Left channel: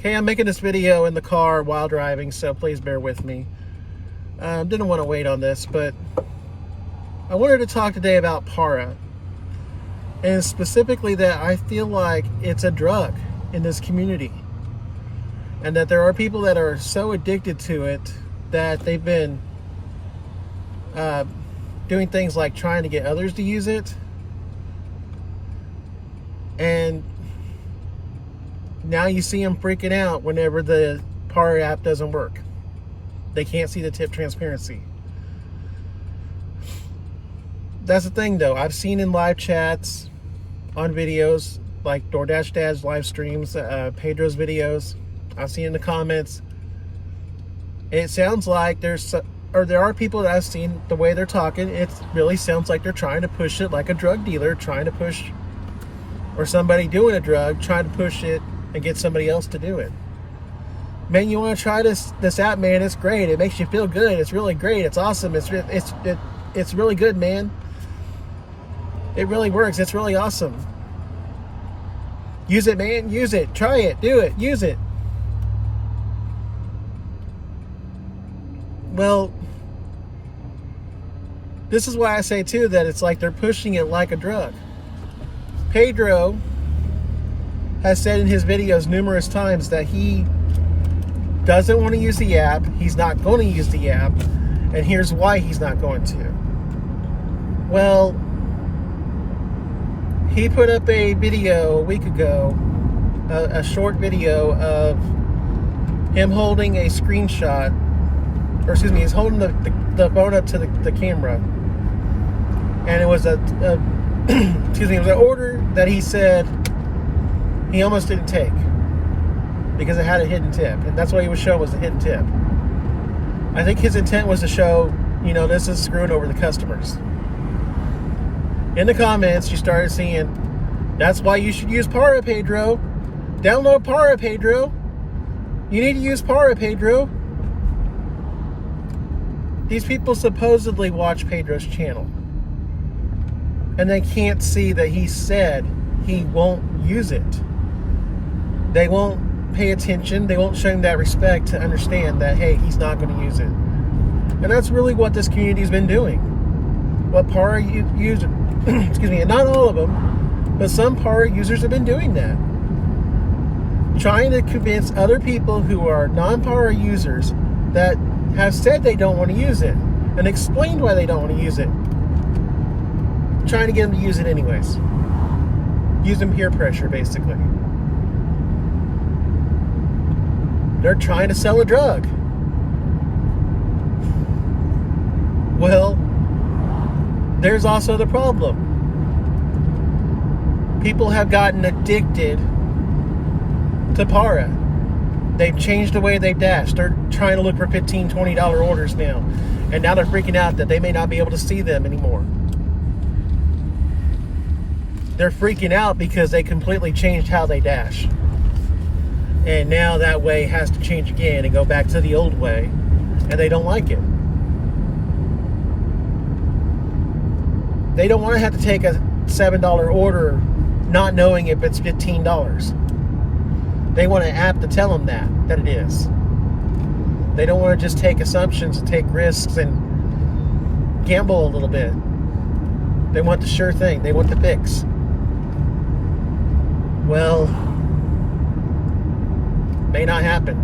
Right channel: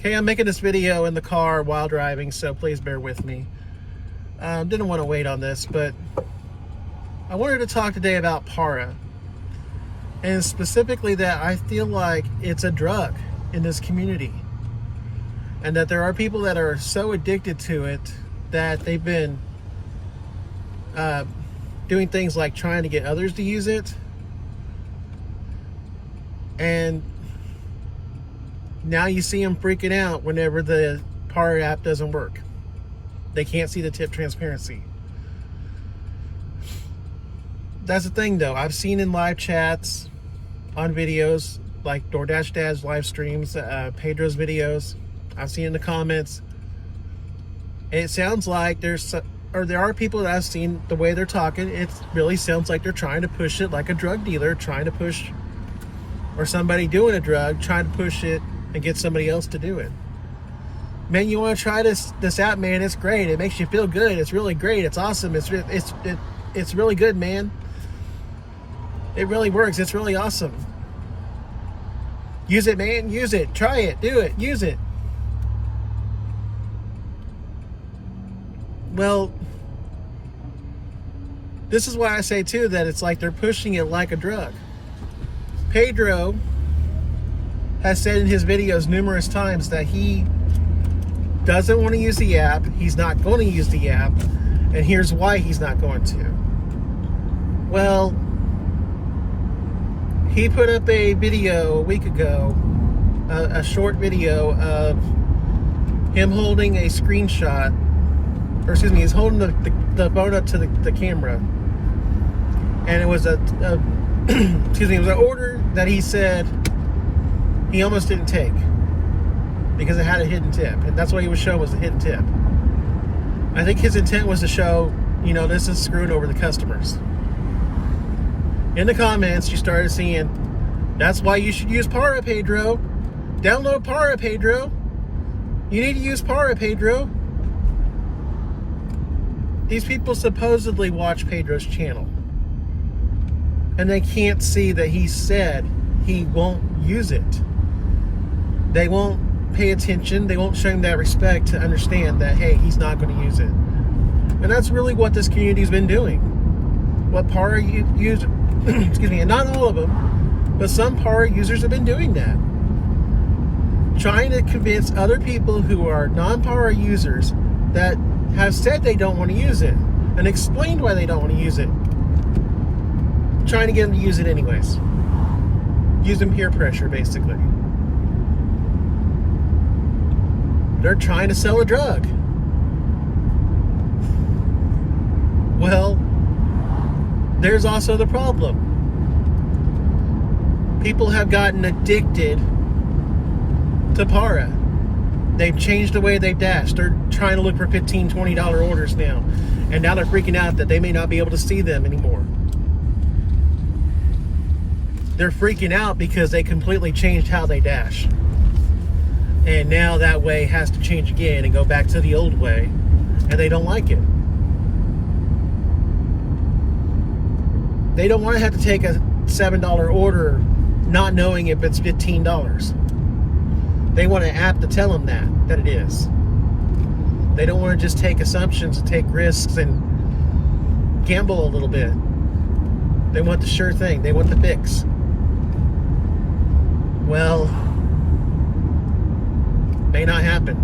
Okay, I'm making this video in the car while driving, so please bear with me. Didn't want to wait on this, but I wanted to talk today about Para. And specifically that I feel like it's a drug in this community. And that there are people that are so addicted to it that they've been doing things like trying to get others to use it. And now you see them freaking out whenever the Para app doesn't work. They can't see the tip transparency. That's the thing though. I've seen in live chats, on videos, like DoorDash Dad's live streams, Pedro's videos. I've seen in the comments. And it sounds like there are people that I've seen the way they're talking. It really sounds like they're trying to push it like a drug dealer, trying to push, or somebody doing a drug, trying to push it and get somebody else to do it. Man, you want to try this app, man? It's great. It makes you feel good. It's really great. It's awesome. It's really good, man. It really works. It's really awesome. Use it, man. Use it. Try it. Do it. Use it. Well, this is why I say too that it's like they're pushing it like a drug. Pedro has said in his videos numerous times that he doesn't want to use the app. He's not going to use the app. And here's why he's not going to. Well, he put up a video a week ago, a short video of him holding a screenshot, or excuse me, he's holding the phone up to the camera. And it was it was an order that he said he almost didn't take because it had a hidden tip, and that's what he was showing was the hidden tip. I think his intent was to show, this is screwing over the customers. In the comments, you started seeing, that's why you should use Para, Pedro. Download Para, Pedro. You need to use Para, Pedro. These people supposedly watch Pedro's channel, and they can't see that he said he won't use it. They won't pay attention. They won't show him that respect to understand that, hey, he's not going to use it. And that's really what this community's been doing. What Para users, excuse me, and not all of them, but some Para users have been doing that. Trying to convince other people who are non-Para users that have said they don't want to use it and explained why they don't want to use it. Trying to get them to use it anyways. Use them peer pressure, basically. They're trying to sell a drug. Well, there's also the problem. People have gotten addicted to Para. They've changed the way they dash. They're trying to look for $15, $20 orders now. And now they're freaking out that they may not be able to see them anymore. They're freaking out because they completely changed how they dash. And now that way has to change again and go back to the old way. And they don't like it. They don't want to have to take a $7 order not knowing if it's $15. They want an app to tell them that it is. They don't want to just take assumptions and take risks and gamble a little bit. They want the sure thing. They want the fix. Well, may not happen.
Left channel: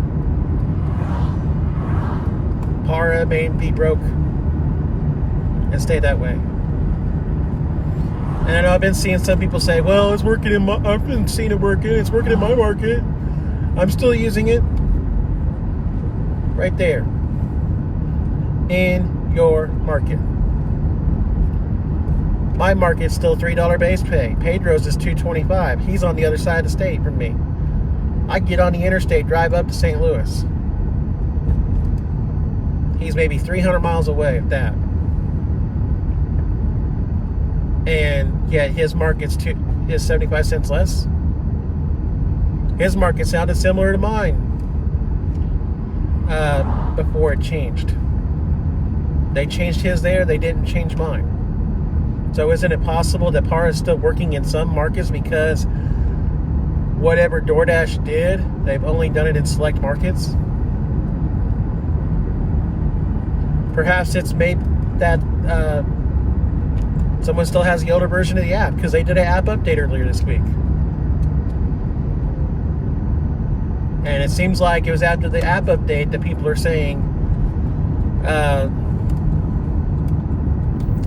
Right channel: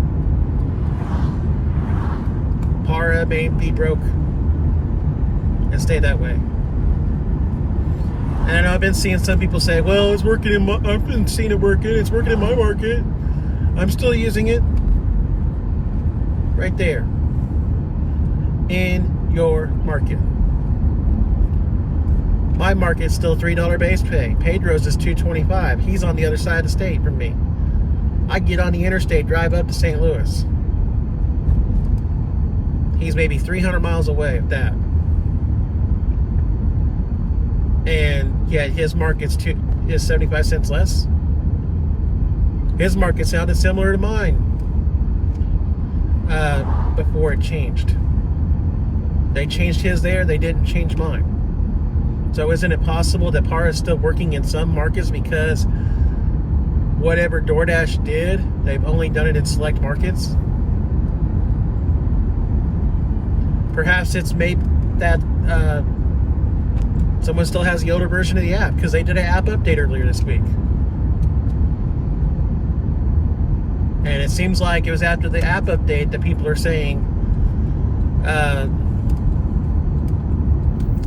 Para may be broke and stay that way. And I know I've been seeing some people say, well, it's working in my, I've been seeing it working, it's working in my market. I'm still using it. Right there. In your market. My market's still $3 base pay. Pedro's is $2.25. He's on the other side of the state from me. I get on the interstate, drive up to St. Louis. He's maybe 300 miles away at that. And yet his market's is 75 cents less. His market sounded similar to mine before it changed. They changed his there, they didn't change mine. So isn't it possible that Para is still working in some markets because whatever DoorDash did, they've only done it in select markets. Perhaps it's made that someone still has the older version of the app, because they did an app update earlier this week. And it seems like it was after the app update that people are saying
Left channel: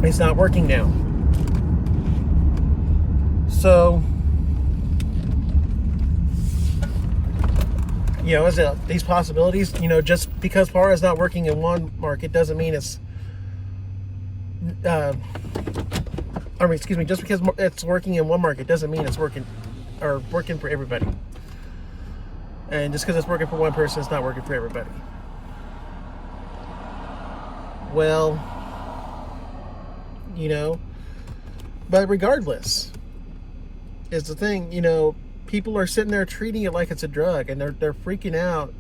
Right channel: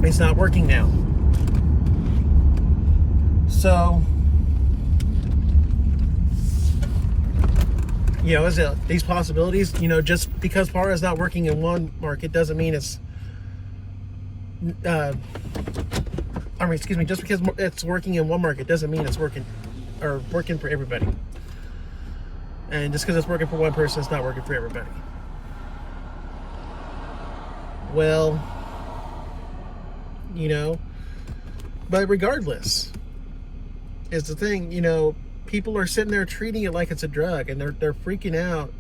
it's not working now. So, you know, these possibilities, you know, just because PARA is not working in one market doesn't mean it's, just because it's working in one market doesn't mean it's working for everybody. And just because it's working for one person, it's not working for everybody. Well, you know, but regardless, is the thing, you know, people are sitting there treating it like it's a drug, and they're freaking out.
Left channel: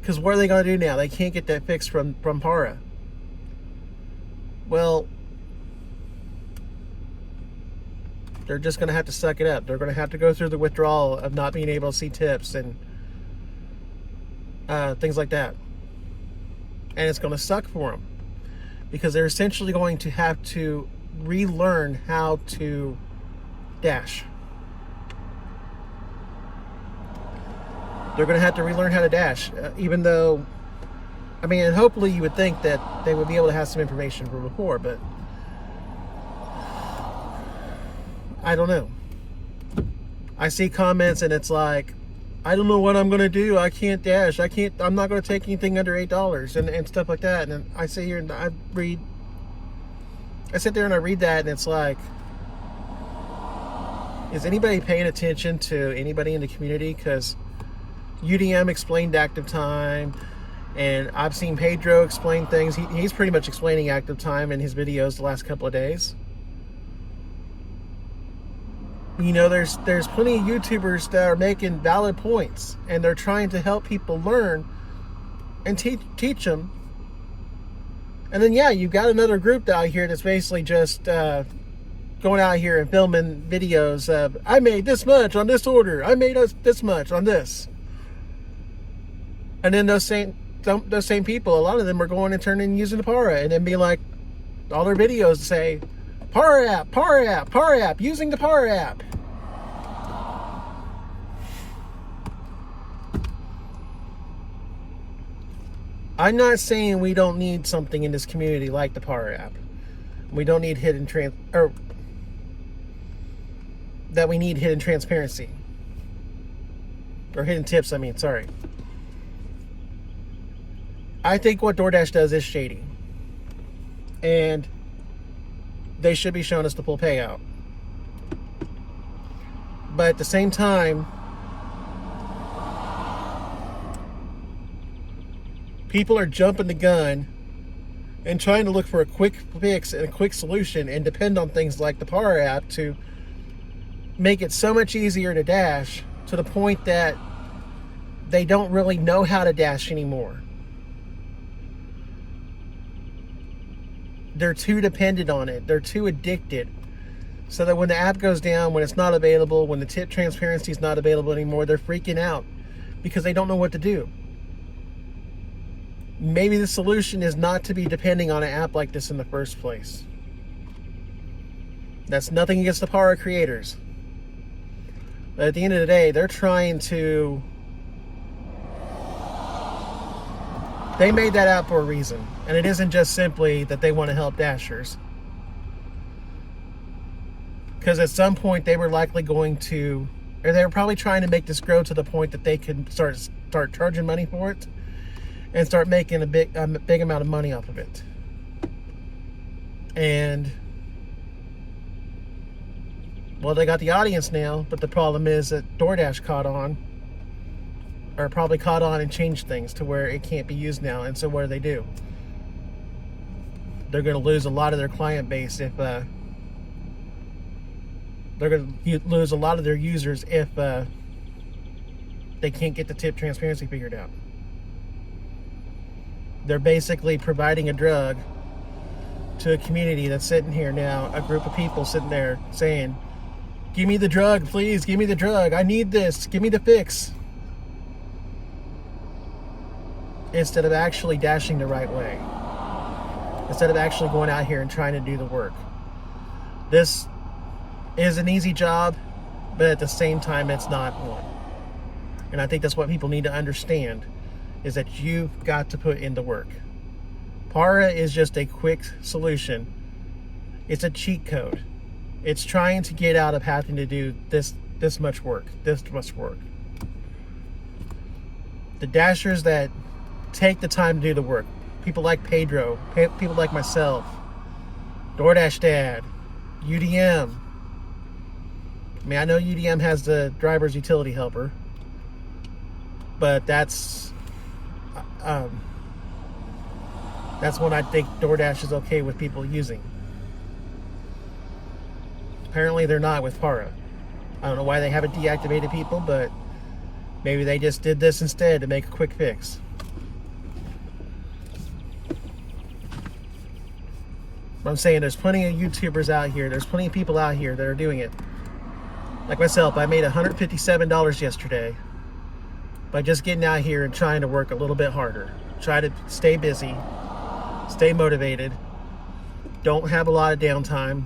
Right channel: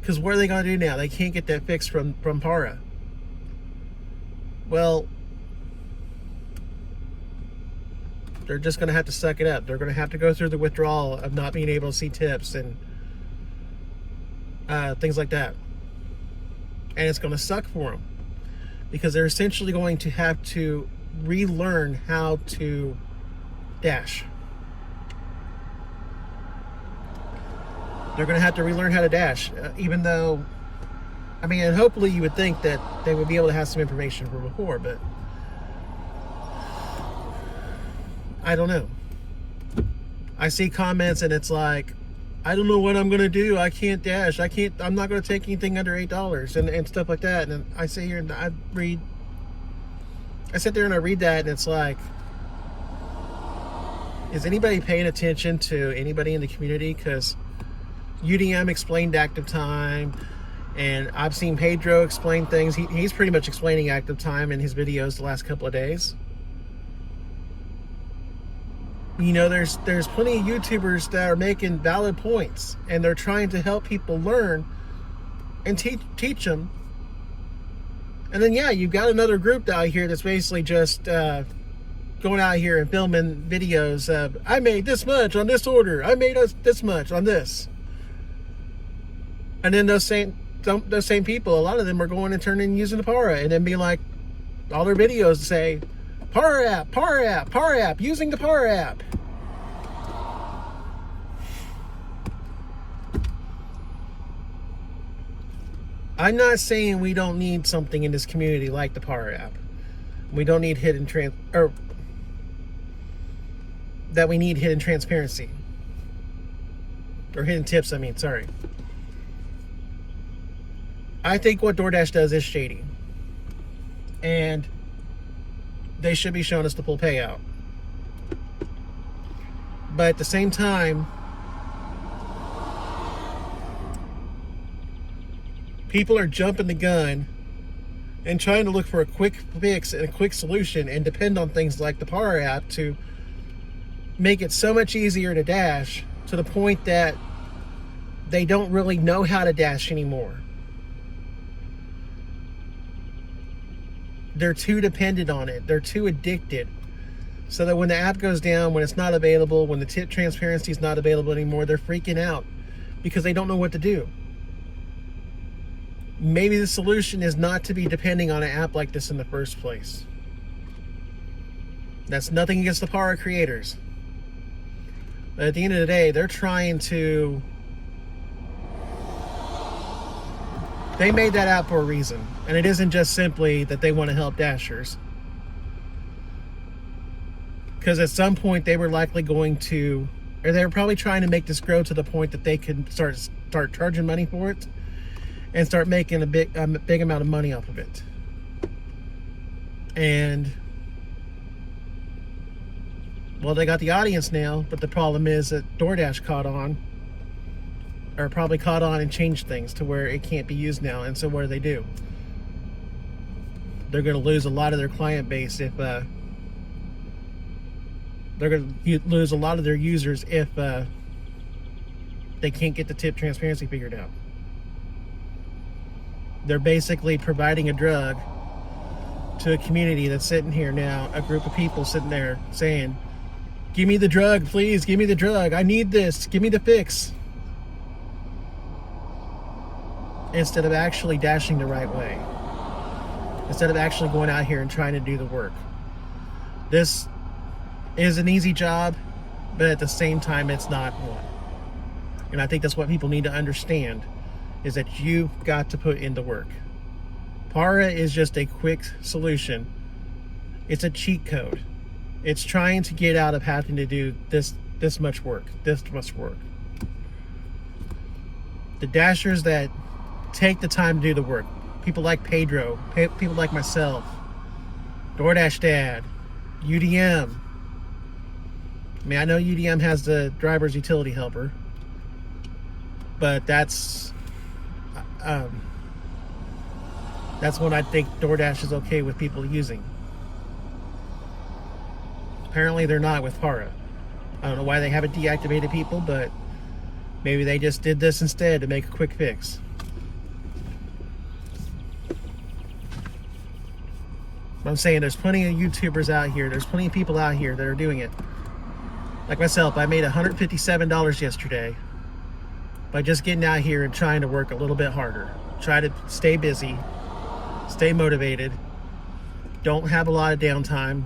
Because what are they going to do now? They can't get that fix from PARA. Well, they're just going to have to suck it up. They're going to have to go through the withdrawal of not being able to see tips and things like that. And it's going to suck for them, because they're essentially going to have to relearn how to dash. They're going to have to relearn how to dash, even though, I mean, and hopefully you would think that they would be able to have some information from before, but I don't know. I see comments and it's like, I don't know what I'm going to do. I can't dash. I'm not going to take anything under $8 and stuff like that. And I sit here and I sit there and I read that, and it's like, is anybody paying attention to anybody in the community? Because UDM explained active time, and I've seen Pedro explain things. He's pretty much explaining active time in his videos the last couple of days. You know, there's plenty of YouTubers that are making valid points, and they're trying to help people learn and teach them. And then, yeah, you've got another group out here that's basically just going out here and filming videos of, I made this much on this order, I made this much on this. And then those same people, a lot of them are going and turning and using the PARA, and then be like, all their videos say, PARA app, PARA app, PARA app, using the PARA app. I'm not saying we don't need something in this community like the PARA app. We don't need that we need hidden transparency. Or hidden tips, I mean, sorry. I think what DoorDash does is shady. And they should be showing us the full payout. But at the same time, people are jumping the gun and trying to look for a quick fix and a quick solution, and depend on things like the PARA app to make it so much easier to dash, to the point that they don't really know how to dash anymore. They're too dependent on it. They're too addicted. So that when the app goes down, when it's not available, when the tip transparency is not available anymore, they're freaking out because they don't know what to do. Maybe the solution is not to be depending on an app like this in the first place. That's nothing against the PARA creators. But at the end of the day, they're trying to... They made that app for a reason. And it isn't just simply that they want to help dashers. Because at some point they were likely going to... Or they were probably trying to make this grow to the point that they could start charging money for it. And start making a big amount of money off of it. And... Well, they got the audience now, but the problem is that DoorDash caught on. Or probably caught on and changed things to where it can't be used now. And so what do they do? They're going to lose a lot of their client base if... they're going to lose a lot of their users if they can't get the tip transparency figured out. They're basically providing a drug to a community that's sitting here now, a group of people sitting there saying, Give me the drug, please. Give me the drug. I need this. Give me the fix. Instead of actually dashing the right way. Instead of actually going out here and trying to do the work. This is an easy job, but at the same time, it's not one. And I think that's what people need to understand, is that you've got to put in the work. Para is just a quick solution. It's a cheat code. It's trying to get out of having to do this much work. The dashers that take the time to do the work, people like Pedro, people like myself, DoorDash Dad, UDM. I mean, I know UDM has the driver's utility helper, but that's one I think DoorDash is okay with people using. Apparently they're not with Para. I don't know why they haven't deactivated people, but maybe they just did this instead to make a quick fix. I'm saying there's plenty of YouTubers out here, there's plenty of people out here that are doing it. Like myself, I made $157 yesterday by just getting out here and trying to work a little bit harder. Try to stay busy, stay motivated, don't have a lot of downtime.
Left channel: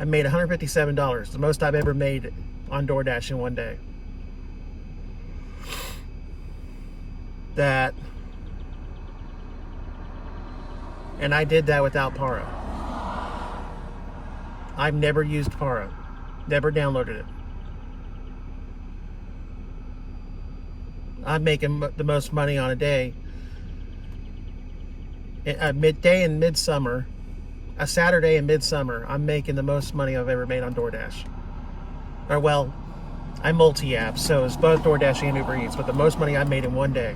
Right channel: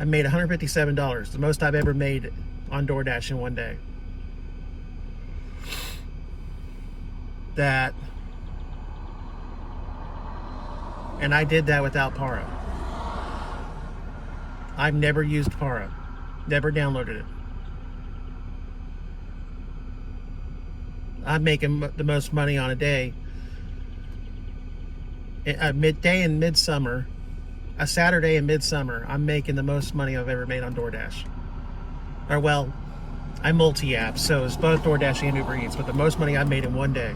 I made $157, the most I've ever made on DoorDash in one day. And I did that without Para. I've never used Para, never downloaded it. I'm making the most money on a day, midday and midsummer, a Saturday and midsummer. I'm making the most money I've ever made on DoorDash. Or well, I multi-app, so it's both DoorDash and Uber Eats, but the most money I made in one day.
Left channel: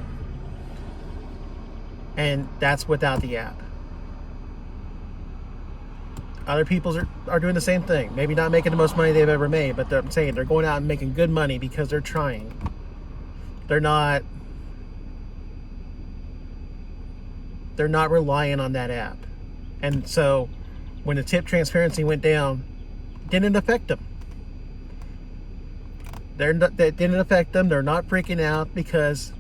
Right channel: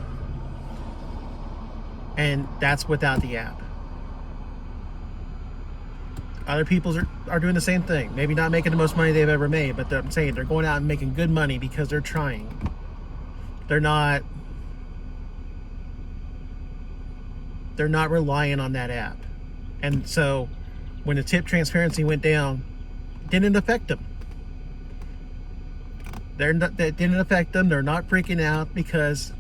And that's without the app. Other people are doing the same thing. Maybe not making the most money they've ever made, but I'm saying they're going out and making good money because they're trying. They're not relying on that app. And so when the tip transparency went down, it didn't affect them. That didn't affect them. They're not freaking out because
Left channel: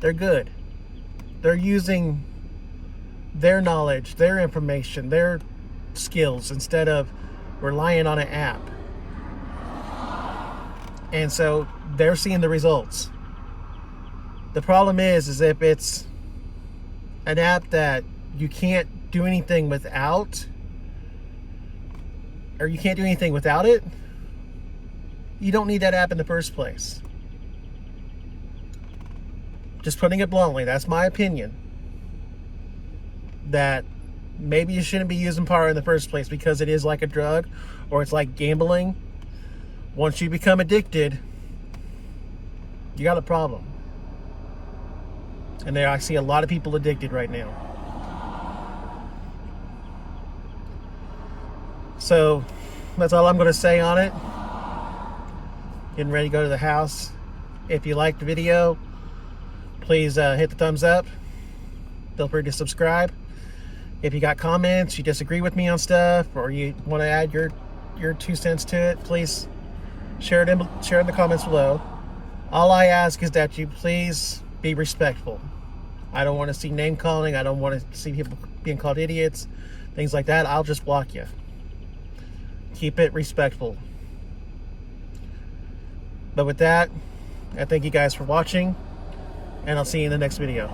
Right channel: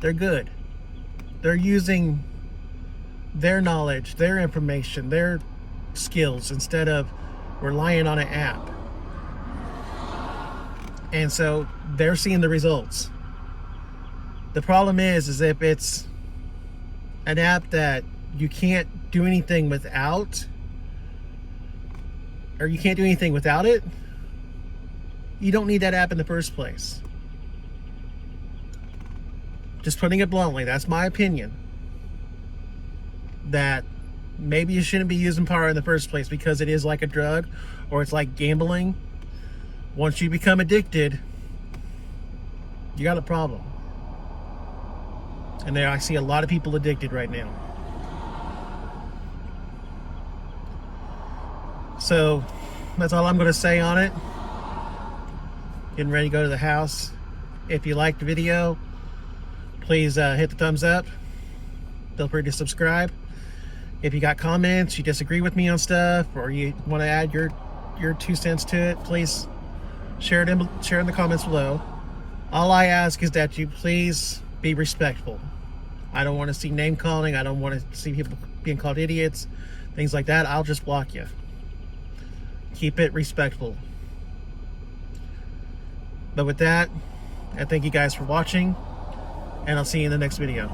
they're good. They're using their knowledge, their information, their skills instead of relying on an app. And so they're seeing the results. The problem is if it's an app that you can't do anything without, or you can't do anything without it, you don't need that app in the first place. Just putting it bluntly, that's my opinion. That maybe you shouldn't be using Para in the first place because it is like a drug, or it's like gambling. Once you become addicted, you got a problem. And I see a lot of people addicted right now. So that's all I'm going to say on it. Getting ready to go to the house. If you liked the video, please hit the thumbs up. Feel free to subscribe. If you got comments, you disagree with me on stuff, or you want to add your 2 cents to it, please share it in the comments below. All I ask is that you please be respectful. I don't want to see name calling. I don't want to see people being called idiots, things like that. I'll just block you. Keep it respectful. But with that, I thank you guys for watching, and I'll see you in the next video.